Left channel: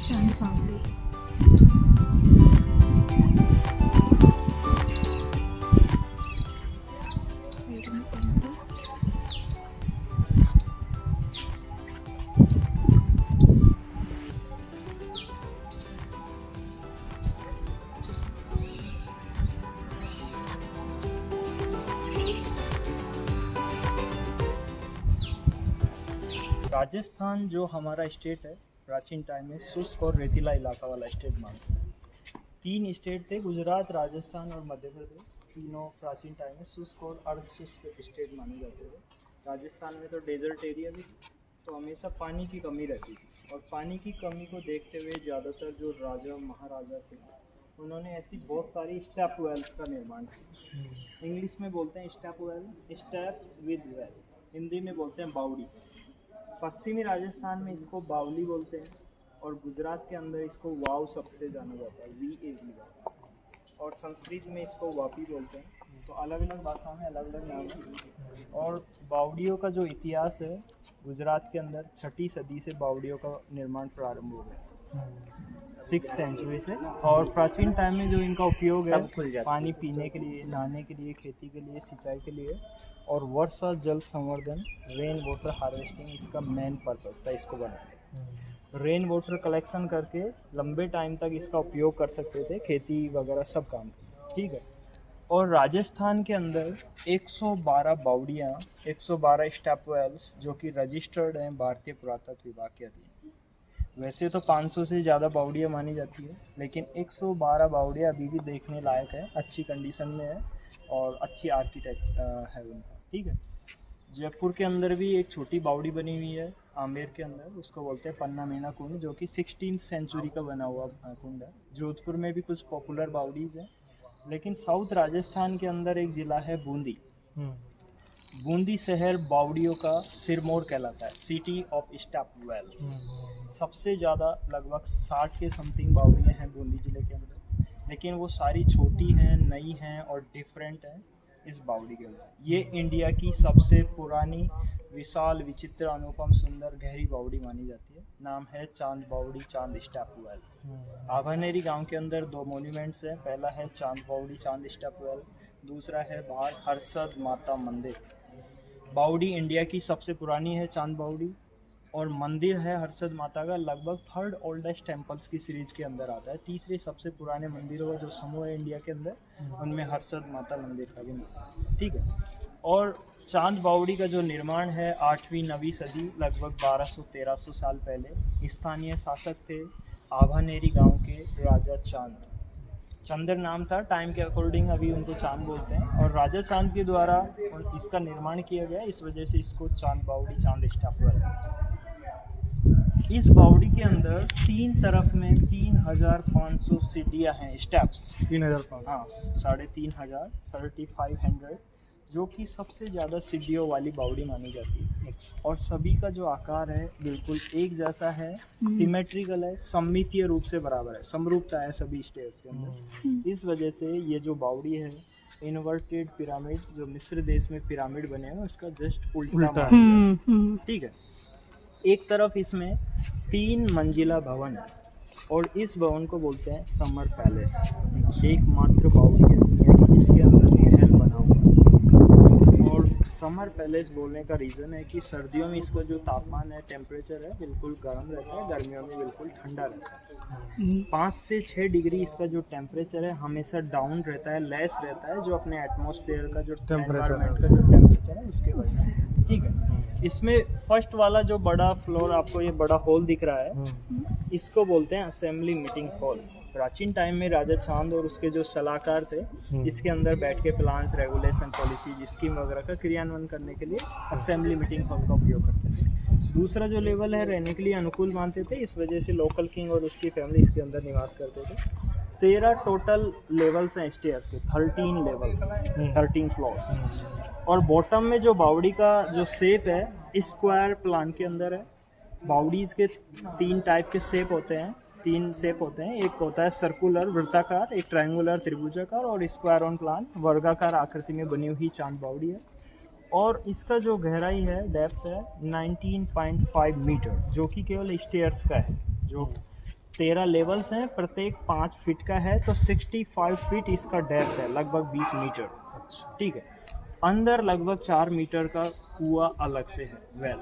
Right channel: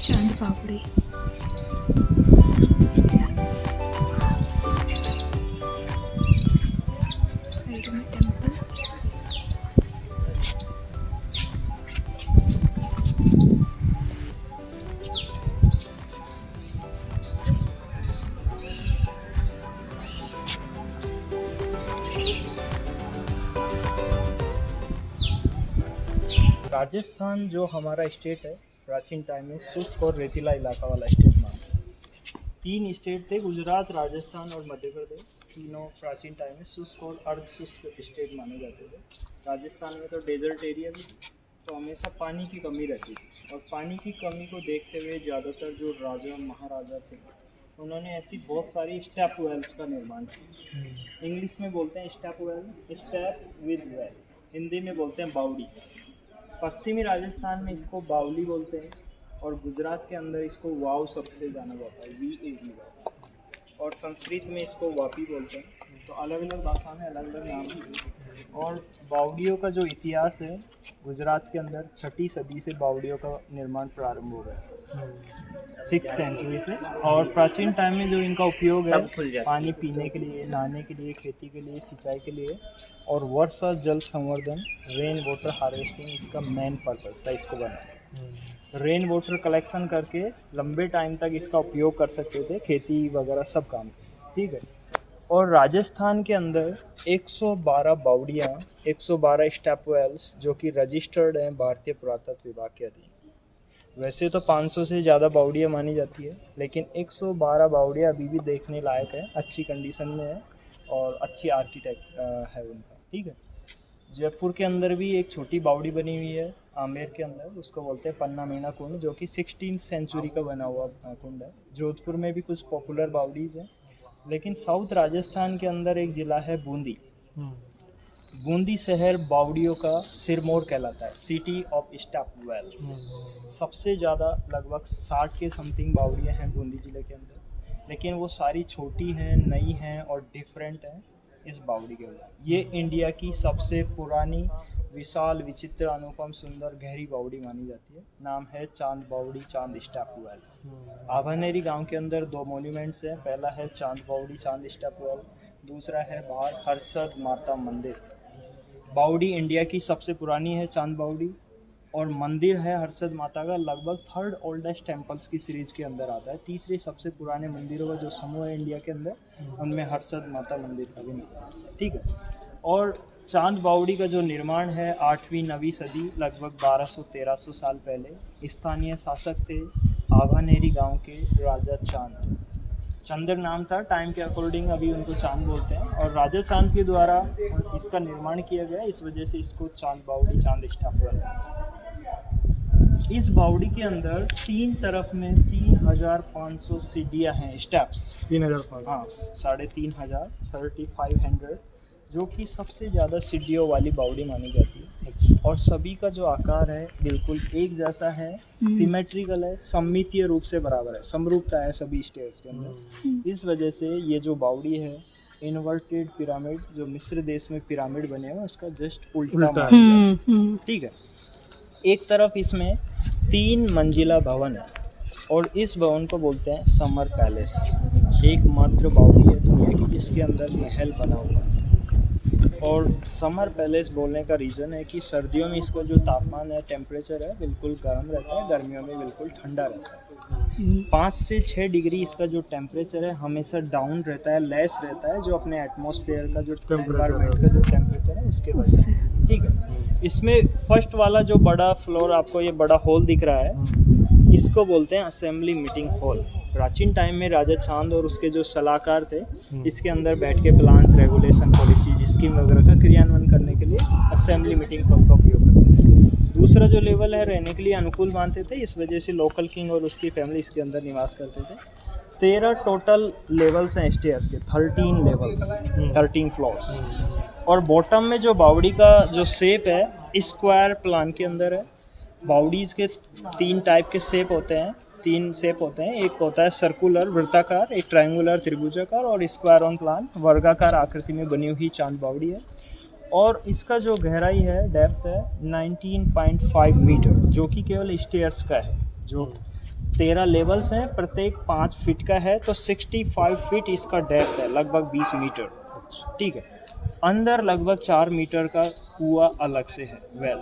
चांद बावड़ी। साइड में टेम्पल। राजस्थान जो हमारा स्टेट है, प्राचीन टाइम में शुष्क और रेतीला इलाका वाला स्टेट मानते हैं। 3 स्टेट थे, गुजरात, राजस्थान और मध्य प्रदेश। तीनों प्राचीन टाइम में शुष्क और अर्ध शुष्क स्टेट माने जाते थे। राजस्थान में तो डेजर्ट एरिया भी थी, तो हमेशा पानी की कमी रहती थी। और पानी की कमी को देखते हुए ज़्यादातर जो राजा महाराजा थे, उन्होंने ऐसी बहुत सारी स्टेप वेल्स का निर्माण किया। इंग्लिश में बोलते हैं step well, steps with well. Hindi में बोलते हैं बावड़ी। पश्चिमी राजस्थान में इसको बावली बोलते हैं, और गुजरात के अंदर इसको वाव सबसे जाना जाता है, VAV, और संस्कृत में इसको वापी बोलते हैं। तो अलग अलग भाषा में अलग अलग नाम है। और बावड़ियों का जो इतिहास है, गुजरात के अंदर 6ठी सदी से बावड़ियों का निर्माण प्रारंभ हो गया, 6th सेंचुरी से। और प्राचीन टाइम में जो इनका उपयोग है पानी पीने के लिए, नहाने के लिए, खेती के लिए, सिंचाई के लिए और वर्षा जल संवर्धन, रेन वाटर हार्वेस्टिंग इसका मेन पर्पस था इसको बनाना। रेन वाटर कलेक्शन करके लंबे टाइम तक इसका उपयोग कर सकते थे, खेती वगैरह सब काम, ठीक है। और राजस्थान के अंदर 112 बावड़ियाँ, 112 स्टेप वेल्स जो कि रजिस्टर्ड हैं भारतीय पुरातत्व विभाग के अधीन। वैसे तो 500 से ज़्यादा बावड़ियाँ मानी जाती है, लेकिन 112 बावड़ियाँ अभी भी देखने लायक है, अच्छी कंडीशन में है और अच्छी आर्किटेक्ट है उनका, ठीक है। जयपुर के अंदर भी एक छोटी बावड़ी बनी हुई है आमेर के अंदर, उसको बोलते हैं पन्ना मीना कुंड, जो कि 16th सेंचुरी का बना हुआ कुंड है। जोधपुर में भी कुछ पॉपुलर बावड़ीज़ हैं। लेकिन साउथ राजस्थान के अंदर एक ज़िला है बूंदी। बूंदी शहर बावड़ियों का सिरमौर कहलाता है, सिटी ऑफ स्टेप वेल्स। सबसे ज़्यादा लगभग 60 के समथिंग बावड़ियाँ हैं बूंदी ज़िले के अंदर, लेकिन वो सारी छोटी हैं, नई हैं और डिफरेंट हैं इस बावड़ी के अंदर। ये इंडिया की सबसे पुरानी, विशाल, विचित्र, अनुपम, सुंदर, गहरी बावड़ी मानी जाती है। नाम है चांद बावड़ी, चांद स्टेप वेल। आभानेरी गांव के अंदर 2 मॉन्यूमेंट्स हैं। पहला है चांद बावड़ी, चांद स्टेप वेल। दूसरा है बाहर हर्षद माता मंदिर। बावड़ी इंडिया की सबसे पुरानी है चांद बावड़ी, और मंदिर है हर्षद माता का, लगभग 3rd ओल्डेस्ट टेम्पल्स की सीरीज़ के अंदर आता है। तीसरे सबसे पुराने मंदिरों का जो समूह है इंडिया के अंदर, उनमें हर्षद माता मंदिर का भी नाम है, ठीक है। और चांद बावड़ी का जो निर्माण है 8वीं 9वीं सदी, लगभग 1200-1300 साल पहले, स्थानीय शासक थे आभानेरी गांव के राजा चांद। चंद्र नाम था, टाइम के अकॉर्डिंग अभी उनको चांद बोलते हैं, और राजा चांद के द्वारा इसका निर्माण किया गया, इस वजह से इसको चांद बावड़ी, चांद स्टेप वेल। इस बावड़ी के अंदर 3 तरफ में 3500 सीढ़ियाँ हैं, स्टेप्स 3500, हाँ 3500, 3500, जो कि सबसे ज़्यादा सीढ़ियों वाली बावड़ी मानी जाती है। और सभी का जो आकार है बिल्कुल एक जैसा है, सिमेट्रिकल है, सममितीय रूप से बराबर है, समरूपता है सभी स्टेयर्स के अंदर। इस वजह से ये जो बावड़ी है, इन्वर्टेड पिरामिड, जो मिस्र देश में पिरामिड बने हैं उसका जस्ट उल्टा, ठीक है। एक तरफ इसमें 3 मंजिला भवन है, और इस भवन को बोलते हैं समर पैलेस। एकमात्र बावड़ी है दुनिया की जिसके अंदर महल बना हुआ है। और समर पैलेस बोलने का रीज़न है कि सर्दियों में इसका जो तापमान है, टेम्परेचर है, बिल्कुल गर्म रहता है, गर्मियों में बिल्कुल ठंडा रहता है। 5 से 6 डिग्री इसका जो टेम्परेचर है हमेशा डाउन रहता है, लेस रहता है, जो अपने एटमॉस्फेयर का जो एनवायरनमेंट का जो टेम्परेचर है उसके वजह से, ठीक है। इसमें फर्स्ट वाला जो बड़ा फ्लोर, आपको ये बड़ा हॉल दिख रहा है, इसको बोलते हैं असेंबली मीटिंग हॉल। प्राचीन टाइम में राजा चांद और उसके जो सलाहकार थे, इसके अंदर बैठ के प्लान्स, रेगुलेशन, पॉलिसी, स्कीम वगैरह का क्रियान्वयन करने के लिए असेंबली मीटिंग हॉल का उपयोग करते थे। दूसरा जो लेवल है रहने के लिए अनुकूल मानते थे, इस वजह से लोकल किंग और उसकी फैमिली इसके अंदर निवास करते थे। 13 टोटल लेवल्स हैं स्टेयर्स के, 13 लेवल्स, 13 फ्लोर्स। और बॉटम में जो बावड़ी का जो शेप है स्क्वायर प्लान के अंदर है। बावड़ीज़ के 3 टाइप के शेप होते हैं, 3 शेप होते हैं। एक होता है सर्कुलर, वृत्ताकार, एक ट्रायंगुलर, त्रिभुजाकार, और स्क्वायर ऑन प्लान, वर्गाकार आकृति में बनी हुई चांद बावड़ी है। और इसका जो गहराई है, डेप्थ है 19.5 मीटर, जो कि केवल स्टेयर्स का है। जो 13 लेवल्स हैं, प्रत्येक 5 फीट का है, तो 65 फीट इसका डेप्थ है, लगभग 20 मीटर। ठीक है। अंदर लगभग 4 मीटर का कुआं अलग से है, वेल।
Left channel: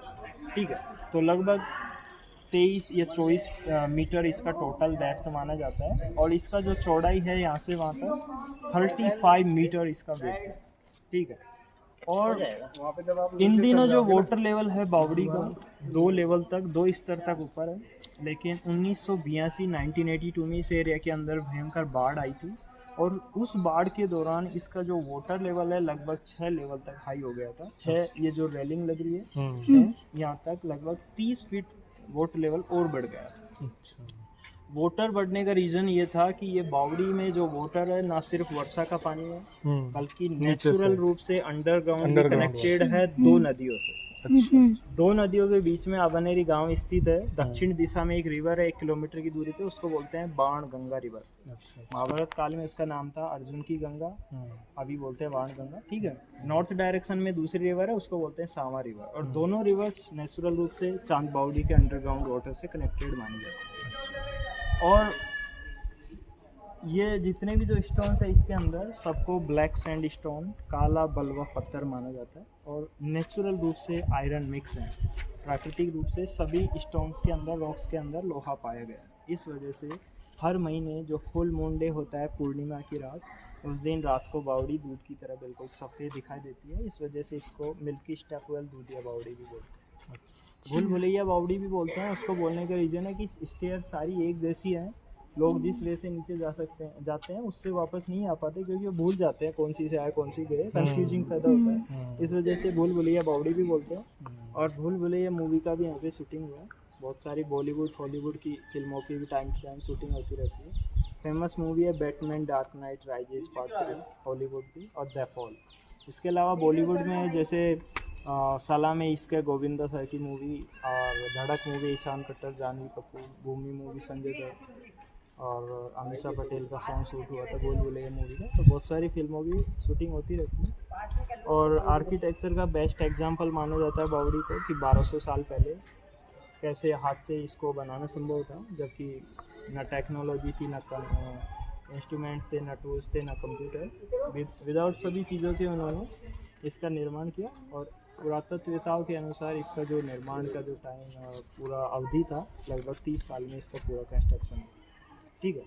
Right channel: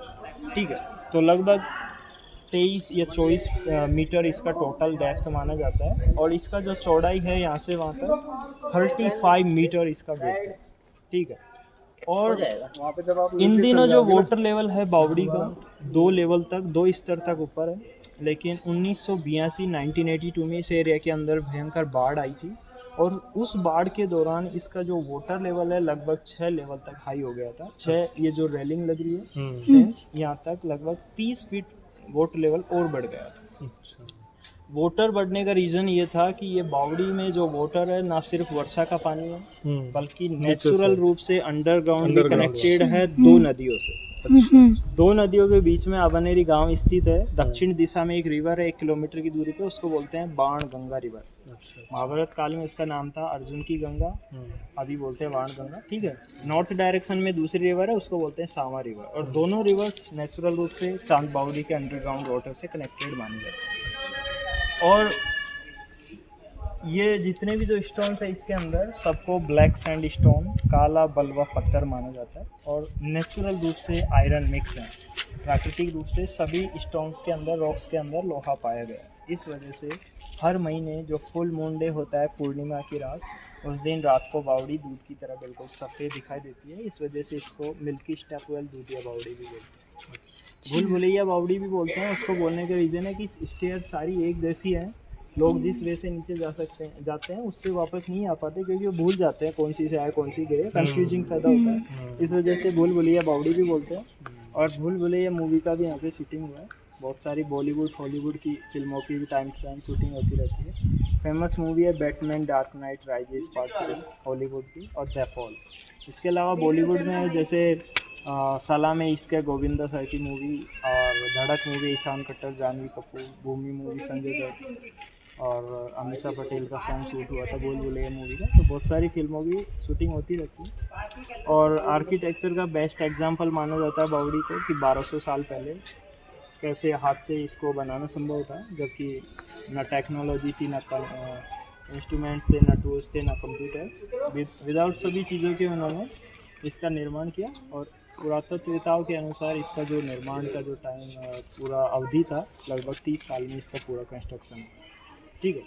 ठीक है। तो लगभग 23 या 24 मीटर इसका टोटल डेप्थ माना जाता है, और इसका जो चौड़ाई है यहाँ से वहाँ तक 35 मीटर इसका विड्थ है। ठीक है। और इन दिनों जो वाटर लेवल है बावड़ी का 2 लेवल तक, 2 स्तर तक ऊपर है, लेकिन 1982 में इस एरिया के अंदर भयंकर बाढ़ आई थी, और उस बाढ़ के दौरान इसका जो वाटर लेवल है लगभग 6 लेवल तक हाई हो गया था। 6, ये जो रेलिंग लग रही है फेंस, यहाँ तक लगभग 30 फीट वाटर लेवल और बढ़ गया था। वाटर बढ़ने का रीज़न ये था कि ये बावड़ी में जो वाटर है ना सिर्फ वर्षा का पानी है, बल्कि नेचुरल रूप से अंडरग्राउंड भी कनेक्टेड है 2 नदियों से। 2 नदियों के बीच में अबनेरी गांव स्थित है। दक्षिण दिशा में एक रिवर है 1 किलोमीटर की दूरी पे, उसको बोलते हैं बाण गंगा रिवर। महाभारत काल में उसका नाम था अर्जुन की गंगा, अभी बोलते हैं बाण गंगा। ठीक है। नॉर्थ डायरेक्शन में दूसरी रिवर है, उसको बोलते हैं सामा रिवर, और दोनों रिवर्स नेचुरल रूप से चांद बावड़ी के अंडरग्राउंड वाटर से कनेक्टेड मानी जाती है। और ये जितने भी जो स्टोन्स है इसके अंदर, सबको ब्लैक सैंड स्टोन, काला बलवा पत्थर माना जाता है, और नेचुरल रूप से आयरन मिक्स है। प्राकृतिक रूप से सभी स्टोन्स के अंदर, रॉक्स के अंदर लोहा पाया गया है। इस वजह से हर महीने जो फुल मून डे होता है पूर्णिमा की रात, उस दिन रात को बावड़ी दूध की तरह बिल्कुल सफ़ेद दिखाई देती है। इस वजह से इसको मिल्की स्टेपवेल दूधिया बावड़ी भी बोलते हैं। भूल भुलैया बावड़ी भी बोलते हैं। उसको बोलने का रीज़न है कि स्टेयर सारी एक जैसी हैं, लोग जिस वे से नीचे जाते हैं उससे वापस नहीं आ पाते, क्योंकि वो भूल जाते हैं कौन सी से आए कौन सी गए, कंफ्यूजिंग पैदा होता है। इस वजह से भूल भुलैया बावड़ी भी बोलते हैं। और भूल भुलैया मूवी का भी यहाँ पे शूटिंग हुआ है। बहुत सारी बॉलीवुड हॉलीवुड की फिल्मों की भी टाइम टू टाइम शूटिंग होती रहती है। फेमस मूवी है Batman dark night rises part 3 Hollywood की, और द फॉल। इसके अलावा बॉलीवुड में जैसे सलाम इश्क है गोविंदा सर की मूवी, और धड़क मूवी ईशान कट्टर जानवी कपूर, भूमि मूवी संजय दत्त, और अमीषा पटेल का सॉन्ग शूट हुआ था भूल भुलैया मूवी का। तो बहुत सारी फिल्मों की शूटिंग होती रहती है। और आर्किटेक्चर का बेस्ट एग्जांपल माना जाता है बावड़ी को, कि 1200 साल पहले कैसे हाथ से इसको बनाना संभव था, जबकि ना टेक्नोलॉजी थी, ना इंस्ट्रूमेंट थे, ना टूल्स थे, ना कंप्यूटर। विदाउट सभी चीज़ों के उन्होंने इसका निर्माण किया। और पुरातत्ववेताओं के अनुसार इसका जो निर्माण का जो टाइम पूरा अवधि था लगभग 30 साल में इसका पूरा कंस्ट्रक्शन। ठीक है।